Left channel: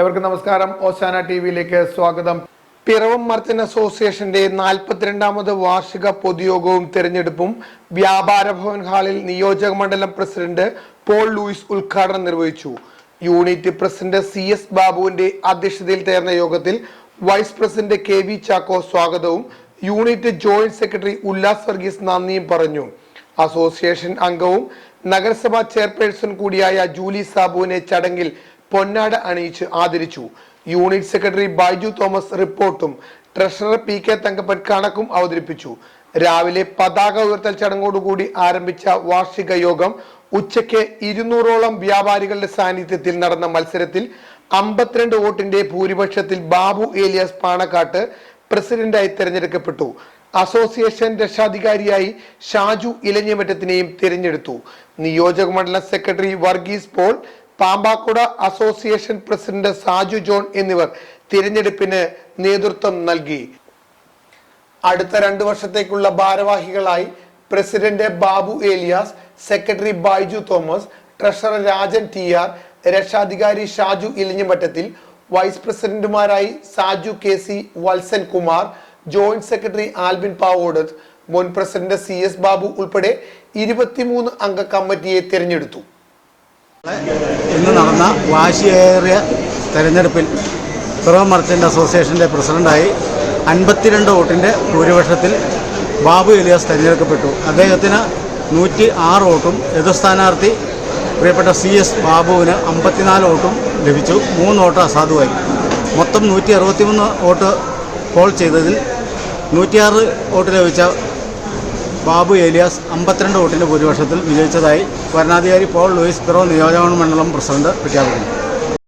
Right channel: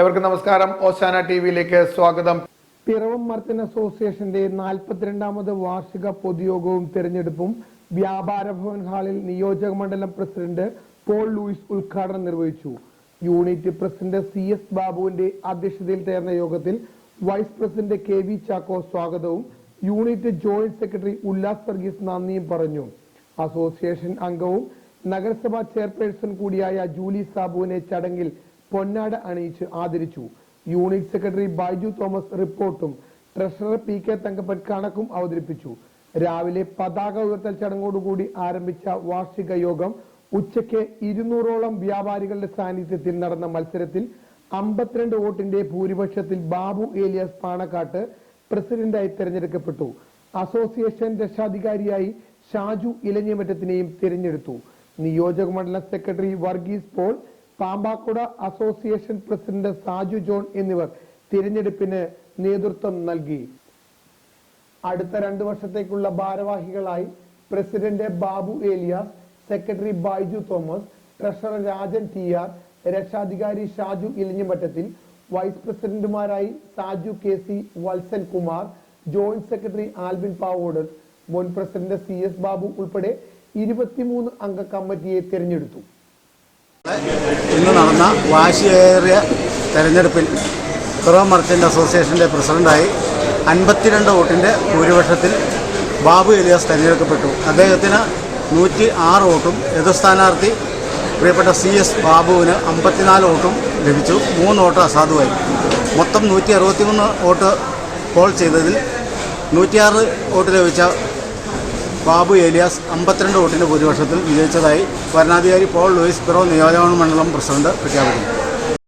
എവർക്കും നമസ്കാരം. ഓശാന ടിവിയിലേക്ക് സ്വാഗതം. പിറവം മർച്ചന്റ് അസോസിയേഷന്റെ 42ാമത് വാർഷിക പൊതുയോഗവും തെരഞ്ഞെടുപ്പും വ്യാപാര ഭവൻ ഹാളിൽ നിയോജക മണ്ഡലം പ്രസിഡന്റ് പോൾ ലൂയിസ് ഉദ്ഘാടനം നിർവഹിച്ചു. യൂണിറ്റ് പ്രസിഡന്റ് CS ബാബുവിന്റെ അധ്യക്ഷതയിൽ ചേർന്ന യോഗത്തിൽ വൈസ് പ്രസിഡന്റ് KV ചാക്കോ സ്വാഗതവും unit joint secretary Ullas Varghese നന്ദിയും പറഞ്ഞു. അസോസിയേഷൻ അംഗവും നഗരസഭാ ചെയർപേഴ്സൺ കൂടിയായ ജൂലി സാബുവിനെ ചടങ്ങിൽ പൊന്നാട അണിയിച്ച് ആദരിച്ചു. യൂണിറ്റ് സെക്രട്ടറി ബൈജു തോമസ് റിപ്പോർട്ടും ട്രഷറർ PK തങ്കപ്പൻ കണക്കും അവതരിപ്പിച്ചു. രാവിലെ പതാക ഉയർത്തൽ ചടങ്ങോടുകൂടി ആരംഭിച്ച വാർഷിക യോഗം ഉച്ചയ്ക്ക് 200ഓളം വ്യാപാരികളുടെ സാന്നിധ്യത്തിൽ നടന്ന മത്സരത്തിൽ 52 വോട്ടിന്റെ ഭൂരിപക്ഷത്തിൽ ബാബു ഏലിയാസ് പാണക്കാട്ട് പ്രസിഡന്റായി തെരഞ്ഞെടുക്കപ്പെട്ടു. അസോസിയേഷൻ രക്ഷാധികാരിയായി ഷാജു ഇലഞ്ഞിമറ്റത്തിനെയും തിരഞ്ഞെടുത്തു. നിയോജക മണ്ഡലം secretary Varghese Paul, Pampakuda association president Saju John എന്നിവർ തിരഞ്ഞെടുപ്പിന് നേതൃത്വം നൽകി. അടുത്ത 2 വർഷത്തേക്കുള്ള ഭാരവാഹികളായി president Babu Elias, secretary Baiju Thomas, treasurer Rajan TR, രക്ഷാധികാരി ഷാജു ഇലഞ്ഞിമറ്റത്തിൽ, വൈസ് പ്രസിഡന്റുമാരായി Saju KC, Valsan Kumar, joint secretary Albin Pavod, മുൻ പ്രസിഡന്റ് CS ബാബു ഉൾപ്പെടെ 23 അംഗ കമ്മിറ്റിയെ തിരഞ്ഞെടുത്തു. ഇന്ന് നടന്ന വാശിയേറിയ തെരഞ്ഞെടുപ്പിൽ പിറവം മർച്ചന്റ് അസോസിയേഷന്റെ പ്രസിഡന്റായി 52 വോട്ടിന്റെ ഭൂരിപക്ഷത്തിൽ ബാബു ഏലിയാസ് തെരഞ്ഞെടുക്കപ്പെട്ടു. അദ്ദേഹത്തിന് 106 വോട്ടും എതിർ സ്ഥാനാർത്ഥി പ്രിയപ്പെട്ട CS ബാബുവിന് 54 വോട്ടും ലഭിച്ചു. 3 വോട്ട് അസാധുവായി. മൊത്തം 163 വോട്ട് പോൾ ചെയ്തതിൽ 106 വോട്ട് ലഭിച്ച ബാബു ഏലിയാസ് 52 വോട്ടിന്റെ ഭൂരിപക്ഷത്തിൽ വിജയിച്ചതായി വരണാധികാരി പോൾ ലൂയിസ് പിറവം നിയോജക മണ്ഡലം പ്രസിഡന്റ് പ്രഖ്യാപിക്കുന്നു.